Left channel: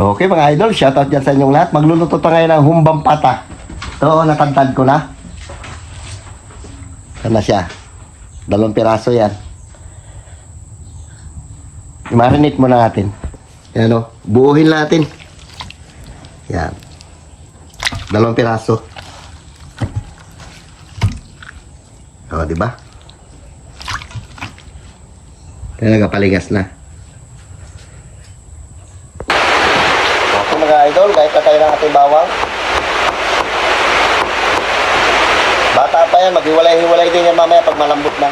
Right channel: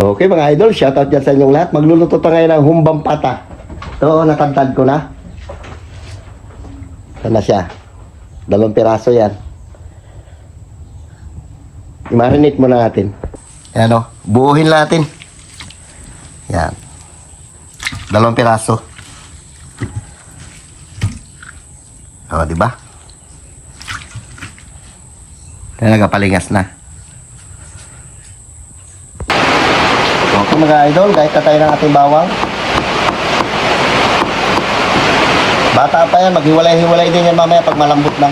Okay mga idol, shoutout dyan sa inyong lahat. Magluluto tayo ngayon ng humbang pata. Oo, natantad ko na. Yan na siya. 2 piraso yan. I-marinate muna natin. Yan o, buuhin natin. Yan. 2 piraso. O, diba? Yan, nagapalingas na. Okay mga idol, kahit na tayo ng ating bawang. Bata pa yan, maghiwalay-hiwalay din yan mamaya pag malambot na.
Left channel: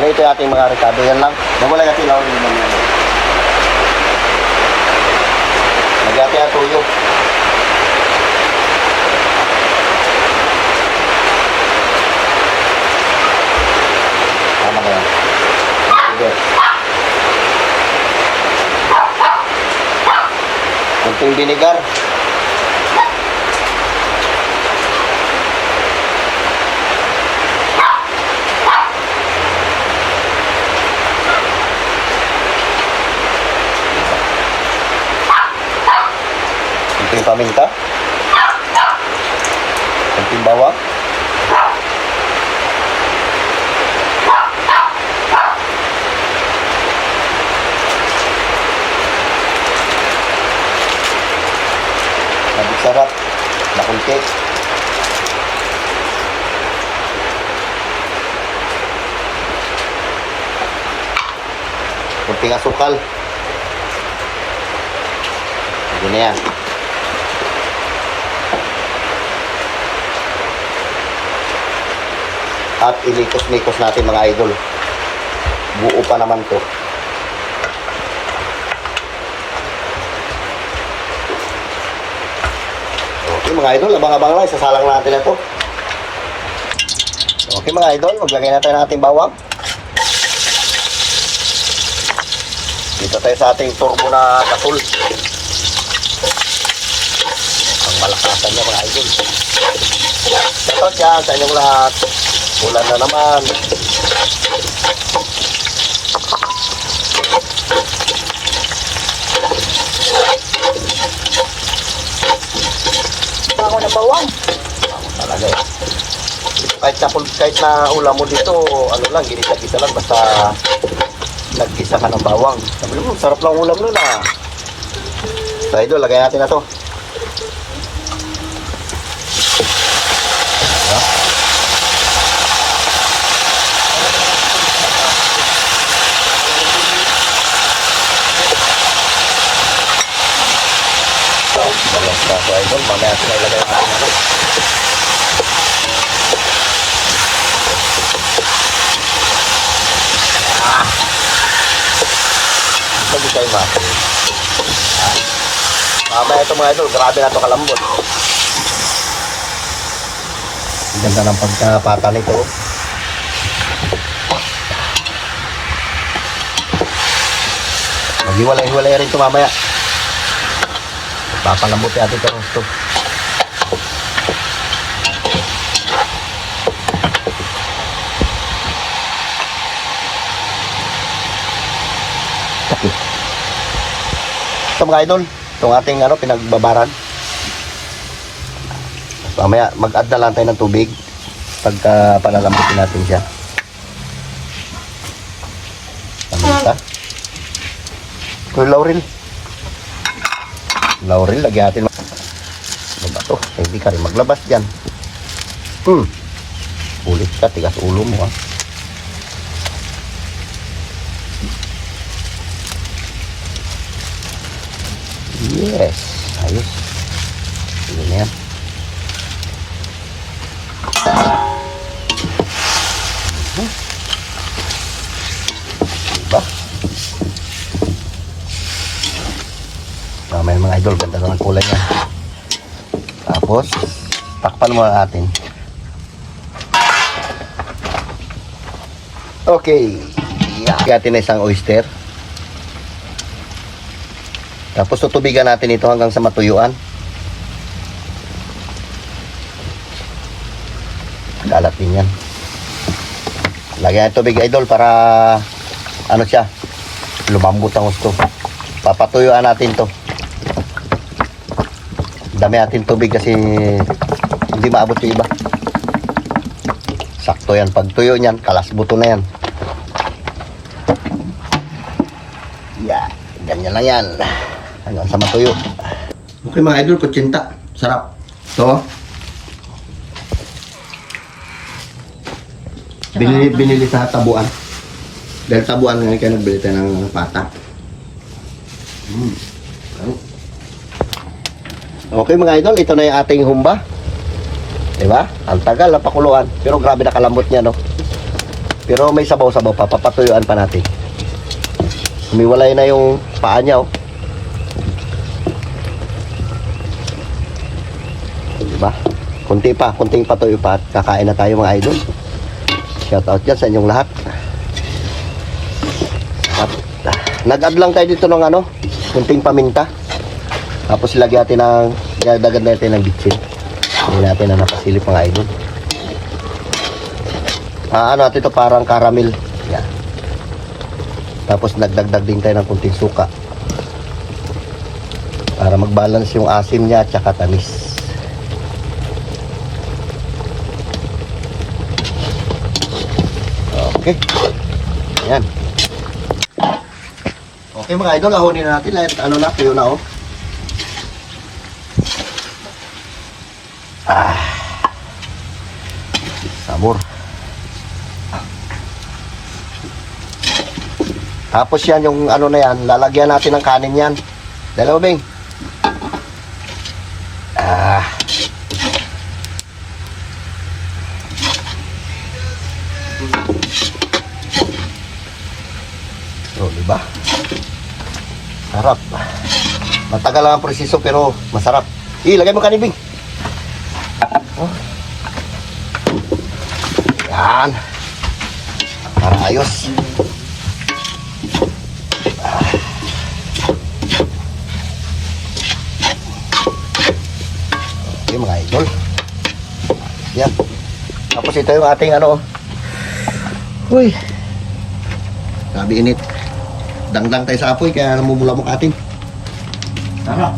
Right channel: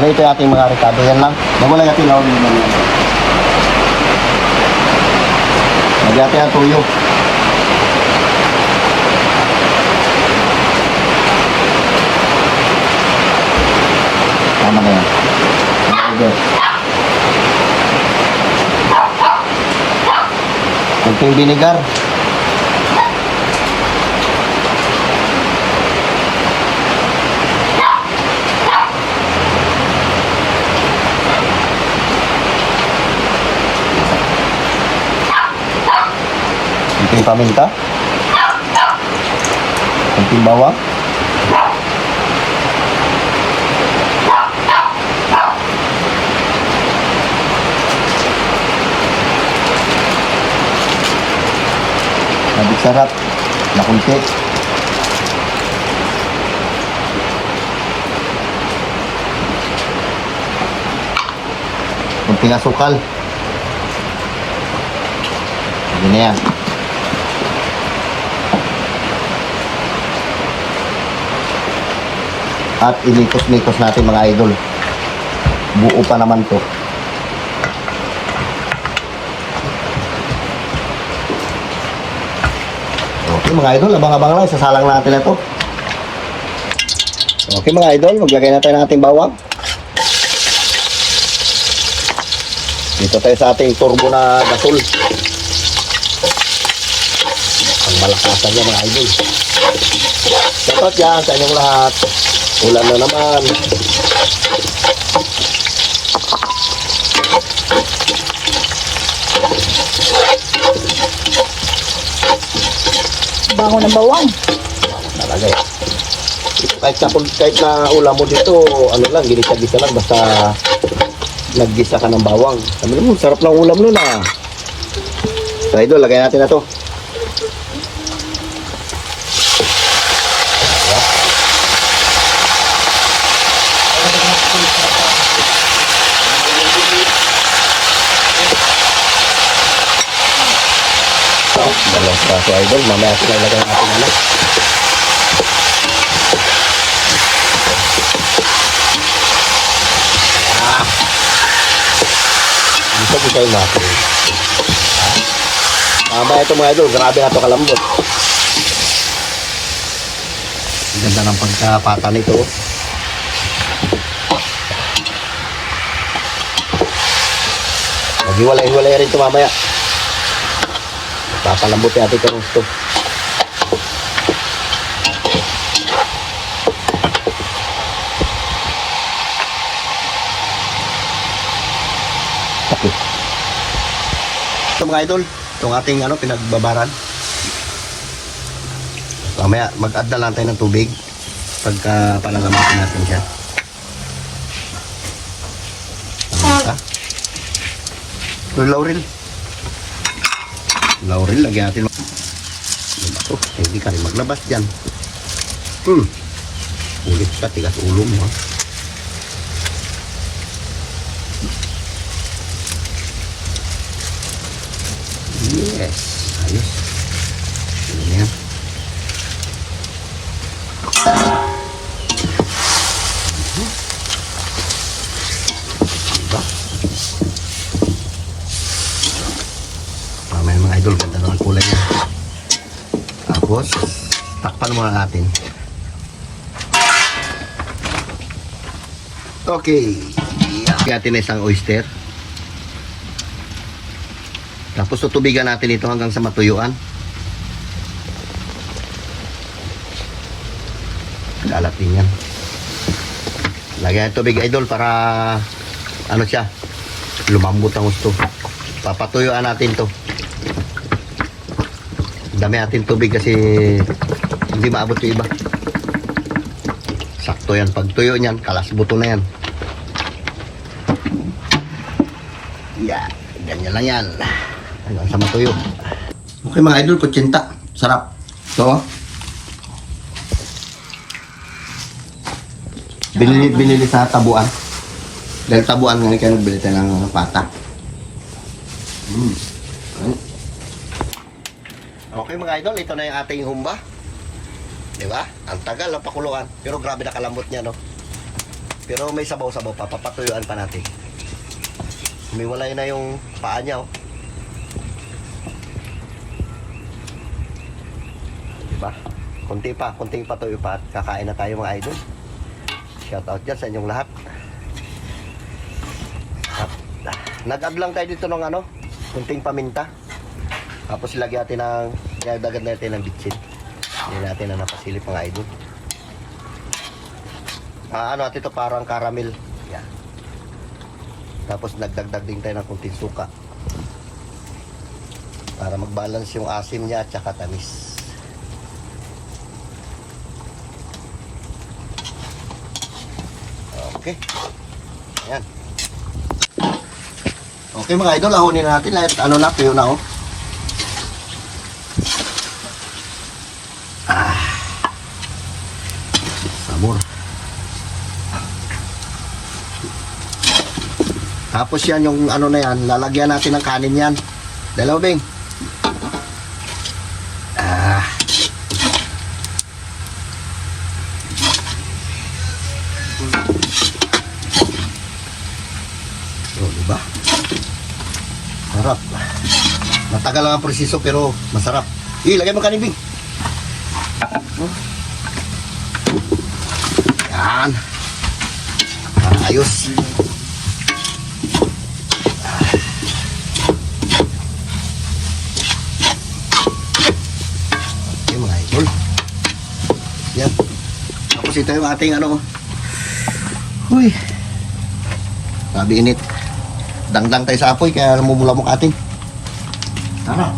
Dito natin mga kasama yan na. Hiwalay natin lawin yung mamaya. Lagyan natin ang tuyo. Tama na yan. Kunting vinegar. Kunting paminta. Kunting bawang. Sarap na kunti. Kunting asukal. Ganyan. At inikos-nikos natin mga idol. Buo pa naman to. Mga idol, abang-abang lang, sasalang natin ito. Okay mga idol, maglagay natin ng ating bawang. Dito tayo sa ating turbo na gasol. Ang malakasan niya mga idol. Shoutout dyan sa inyong lahat. Ulan na naman. Bango ng bawang. Talaga eh. Kahit na ulam mo dito, ano lang, ginisa-gisa lang, basta naggisa ka ng bawang. Sabi mo, sarap lang ulam nun ah. So idol, lagay natin na to. Dalang praso idol, mamaya natin na ilagay natin ano. Isa yung natin. Mamaya ito mga idol, grabe na ito kalambot. Ang ganda ng pagkapata nito. Hiwalay-hiwalay na rin ito mamaya. Papalambot natin ito ng stove. Ito mga idol, itong ating pinagbabaran. Mamaya mag-add na lang tayo ng tubig pagka panalambutin natin siya. Paminta. Ito laurel. Laurel, lagyan natin. Ano ba ito? Hindi ka rin maglabas dyan. Ulit ka, tigas ulo mo ah. Yes, ayos. Ayan na yan. Diba? Tama yung mga idol, ganda ng kulay niya. Tapos, takpan mo natin. Okay. Gatin na isang oyster. Tapos tutubigan natin ito hanggang sa matuyuan. Kalat din yan. Lagyan ng tubig idol para ano siya, lumambot ang gusto. Papatuyuan natin to. Dami natin tubig kasi hindi maabot yung iba. Sakto yan. Pag tuyo niyan, kalasbuto na yan. Yeah, ganyan lang yan. Hanggang sa matuyo. Okay mga idol, kutsinta. Sarap. Ito. Binili sa tabuan. Dahil tabuan nga kaya nagbili tayo ng pata. Okay mga idol, ito na yung ating humba. Diba? Ang tagal na pakuluan. Pero grabe na kalambot niya, no? Pero may sabaw-sabaw pa. Papatuyuan pa natin. Humiwalay na yung paa niya, oh. Diba? Kunting patuyo pa at kakain na tayo mga idol. Shout out dyan sa inyong lahat. Nag-add lang tayo dito ng ano, kunting paminta. Tapos lagyan natin ng, dagdag natin ng bitsin. Hindi natin na napasilip mga idol. Ano natin ito parang caramel. Yan. Tapos nagdagdag din tayo ng kunting suka. Para mag-balance yung asim niya at saka tamis. Okay. Yan. Okay mga idol, ahonin na natin. Ano na, tuyo na oh. Sabor. Tapos yan yung ano na yan, lalagyan natin ng kanin yan. Dalawa bing. So, diba? Sarap. Matagal lang ang presiso pero masarap. Lagay mo kanin bing. Yan. Para ayos. Okay mga idol. Yan. Tapos ito yung ating ano. Uy. Sabi init. Dangdang tayo sa apoy kaya namumulamok atin. Sarap.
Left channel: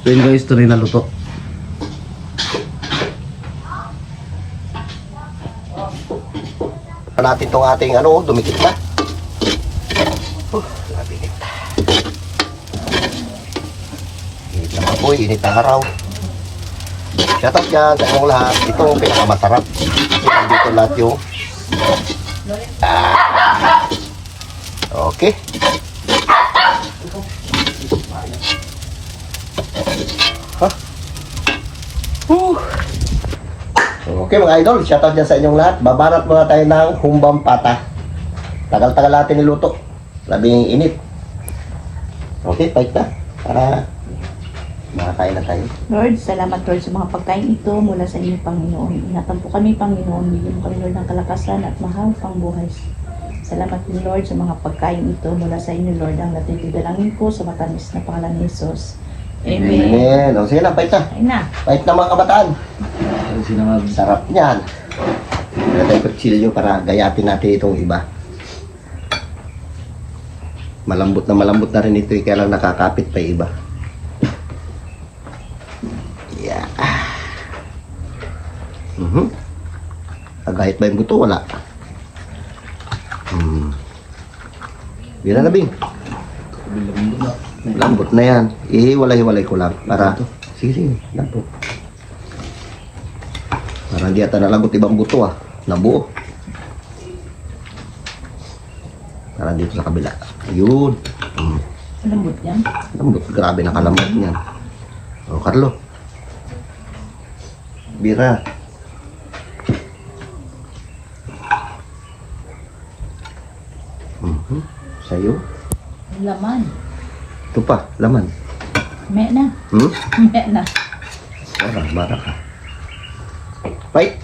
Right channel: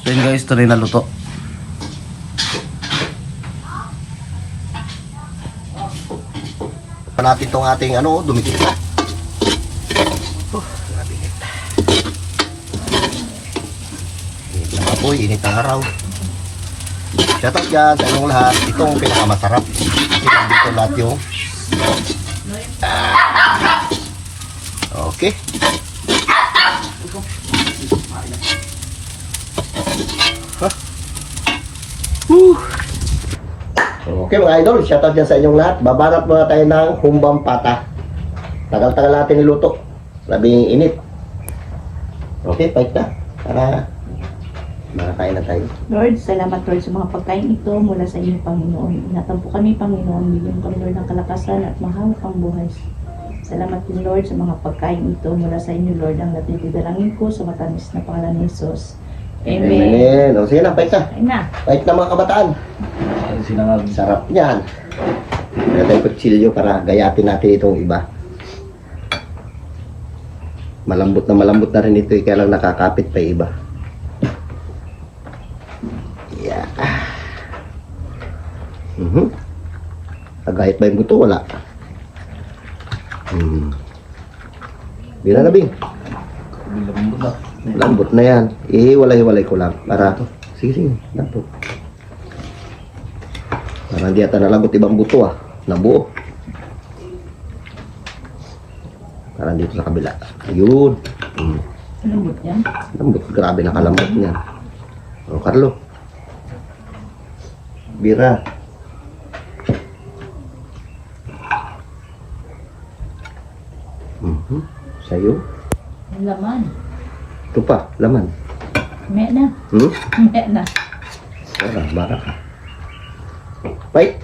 So yun guys, ito rin naluto. Natin itong ating ano, dumikit na. Grabe init. Init na apoy, init na araw. Shout out yan sa inyong lahat. Ito ang pinakamasarap. Dito lahat yung okay. Okay mga idol, shoutout dyan sa inyong lahat. Babanat muna tayo ng humbang pata. Tagal-tagal natin niluto. Labing init. Okay, fight na. Para makakain na tayo. Lord, salamat Lord sa mga pagkain ito mula sa inyong Panginoon. Ingatan po kami Panginoon. Bigyan mo kami Lord ng kalakasan at mahal pang buhay. Salamat din Lord sa mga pagkain ito mula sa inyo Lord. Ang natitidalangin ko sa matamis na pangalan ni Jesus. Amen. Amen. O sige na, fight na. Ayun na. Fight na mga kabataan. Sarap niyan. Lagay ko kutsilyo para gayatin natin itong iba. Malambot na rin ito. Kaya lang nakakapit pa yung iba. Yeah. Agahit ba yung buto? Wala. Bila na bing. Lambot na yan. Ihiwalay-hiwalay ko lang. Para ito. Sige. Lambot. Parang di ata nalambot ibang buto ah. Nabuo. Parang dito sa kabila. Yun. Lambot yan. Lambot. Grabe nakalambot niya. O Carlo. Bira. Sa'yo. Laman. Ito pa. Laman. Me na. Me na. Bara ka. Fight.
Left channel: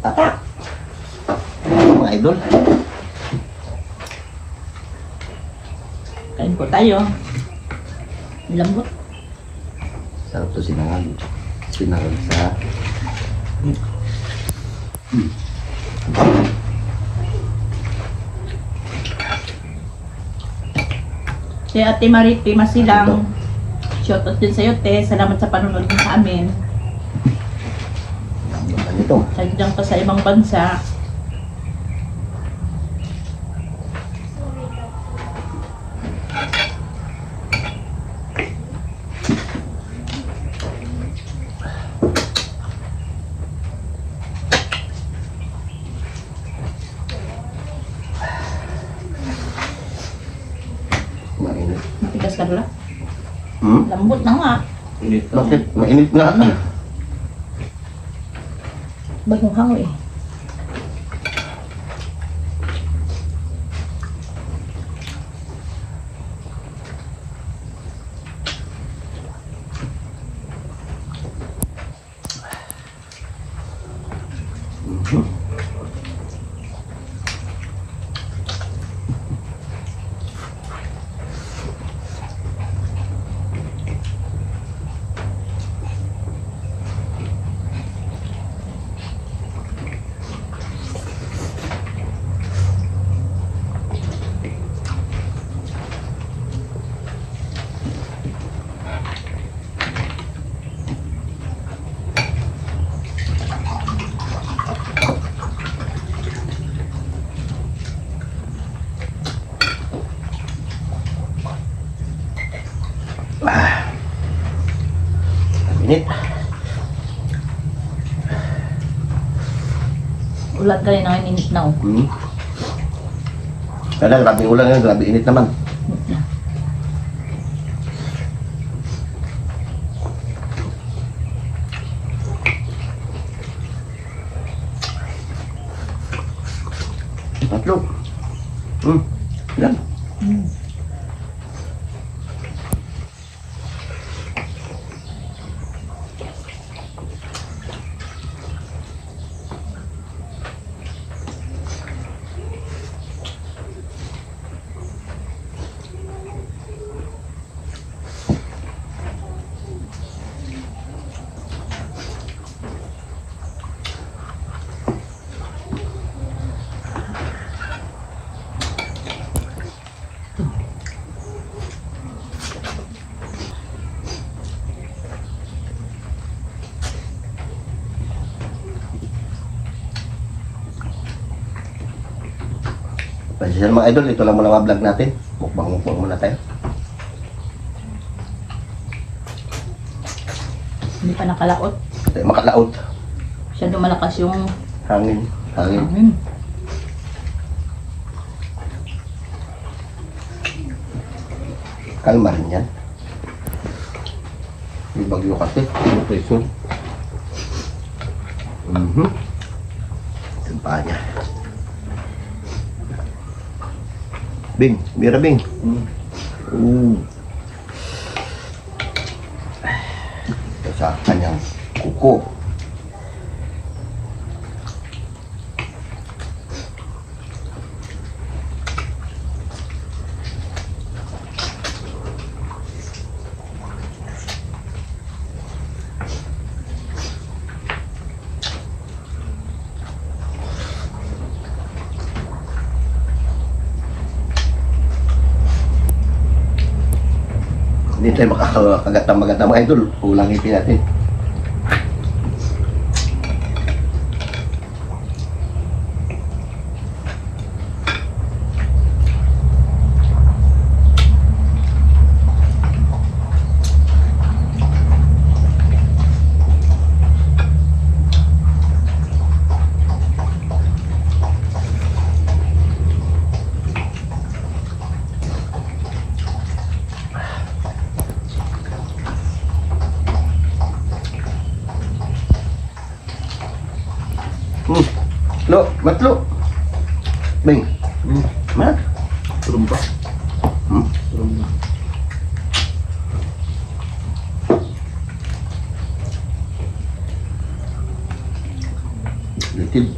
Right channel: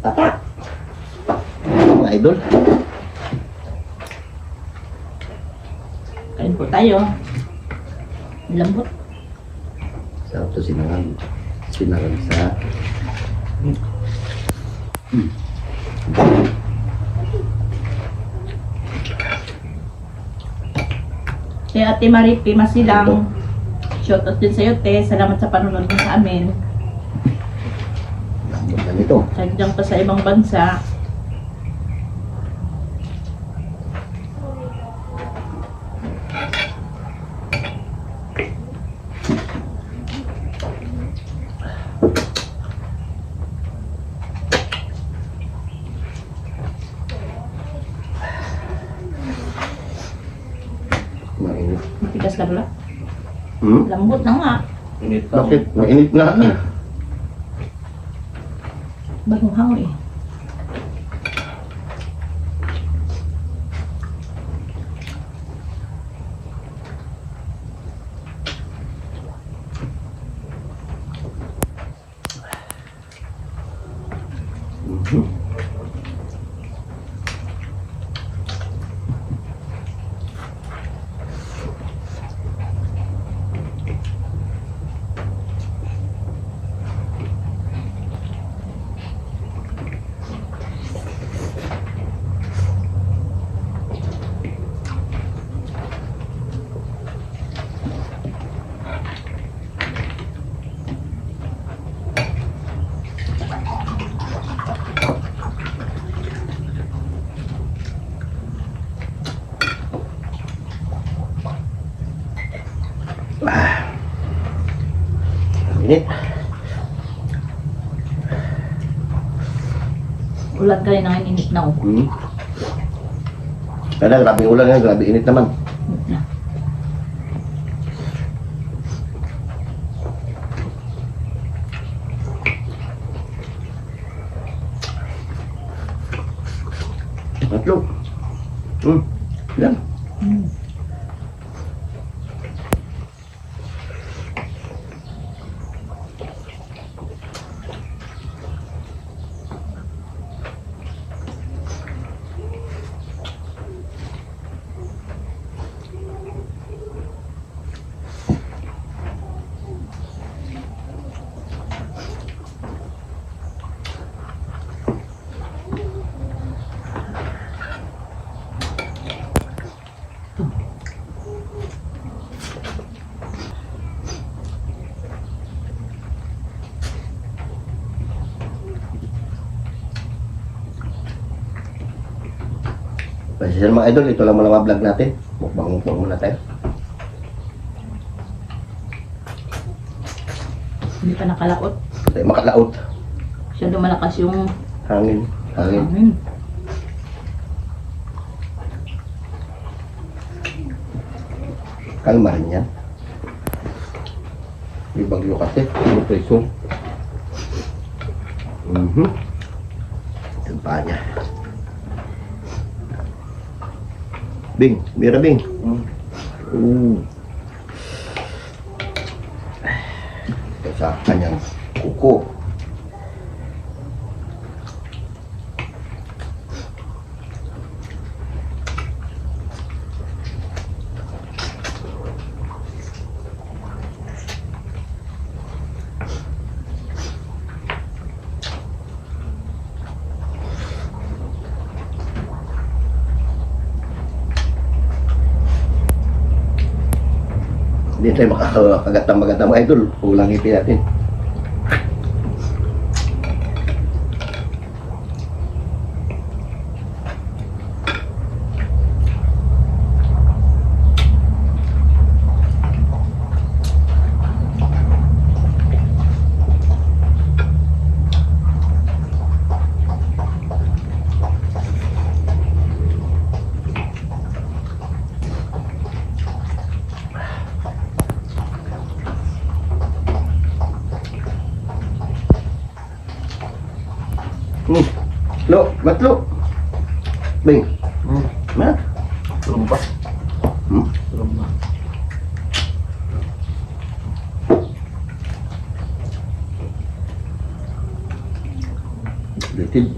Tapa. Mga idol. Kain po tayo. Lambot. Sarap to sinangan. Sinasa. Si Ate Mariti Masilang, shoutout din sa'yo, te. Salamat sa panunod mo sa amin. Ano ito? Sadyang pa sa ibang bansa. Mainit. Matigas ka dula. Hmm? Lambot na nga. Bakit? Mainit nga. Mainit. Bagong hango eh. Mhm. Init. Ulat ka rin ang init na oh. Hmm. Kaya grabe ulan ngayon, grabe init naman. Tatlo. Yan. Kasi sa mga idol, ito lang muna mga vlog natin. Mukbang muna tayo. Hindi pa nakalaot. Tayo makalaot. Masyado malakas yung Hangin. Hangin. hangin. Kalma rin yan. May bagyo kasi. May preso. Ito pa niya. Bing, mira Bing. Sa kanyang kuko. Hindi tayo makakagat ng maganda mga idol. Kulang ipin natin. Lo, matlo. Bing. Mana? Lumpa. Lumpa. Litid.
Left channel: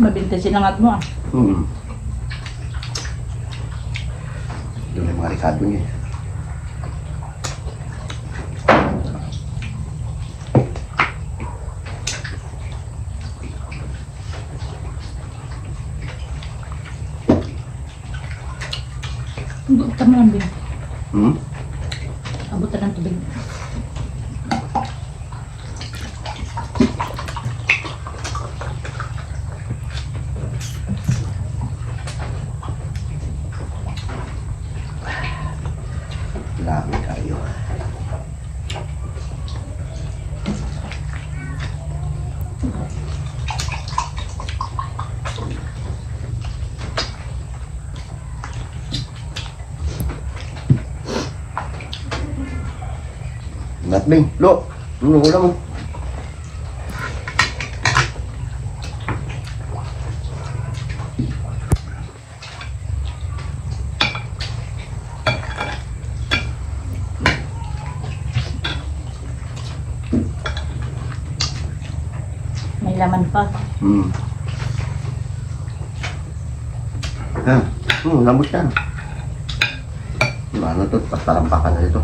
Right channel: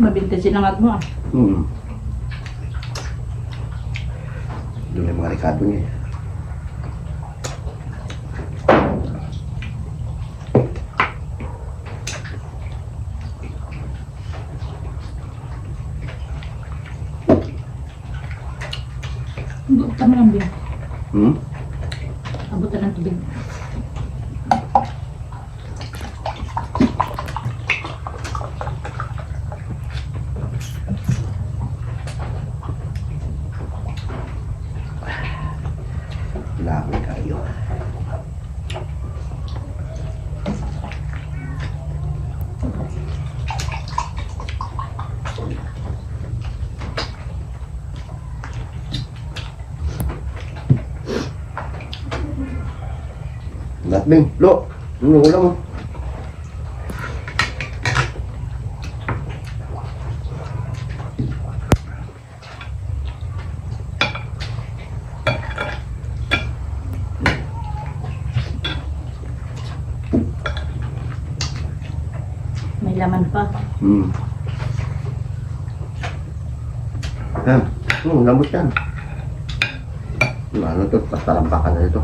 Mabinta sinangag mo ah. Hmm. Yun yung mga sabi niya. Abutan mo ng bin. Hmm? Abutan ng tubig. Lapit tayo. Ingat Bing. Lo, ano ulam mo? May laman pa. Hmm. Lambot yan. Ano to? Pastalampakan na ito.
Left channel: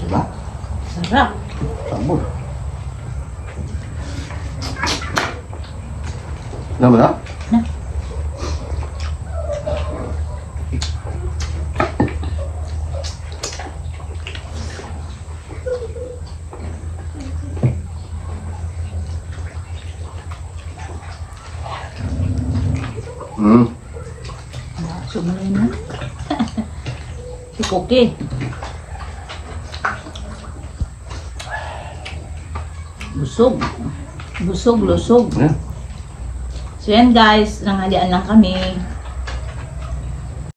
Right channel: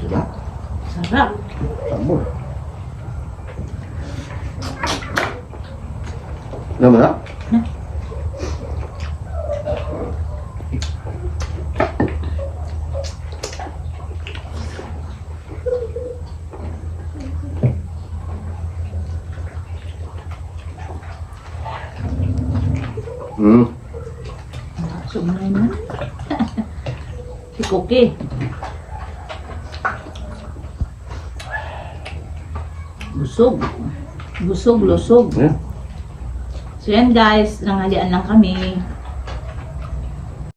Diba? Sarap. Sabon. Nama na? Na. Hmm. Sumunay na. Si Cookie. Busog. Busog, lusog. Yeah. So yan guys, nanghalian lang kami.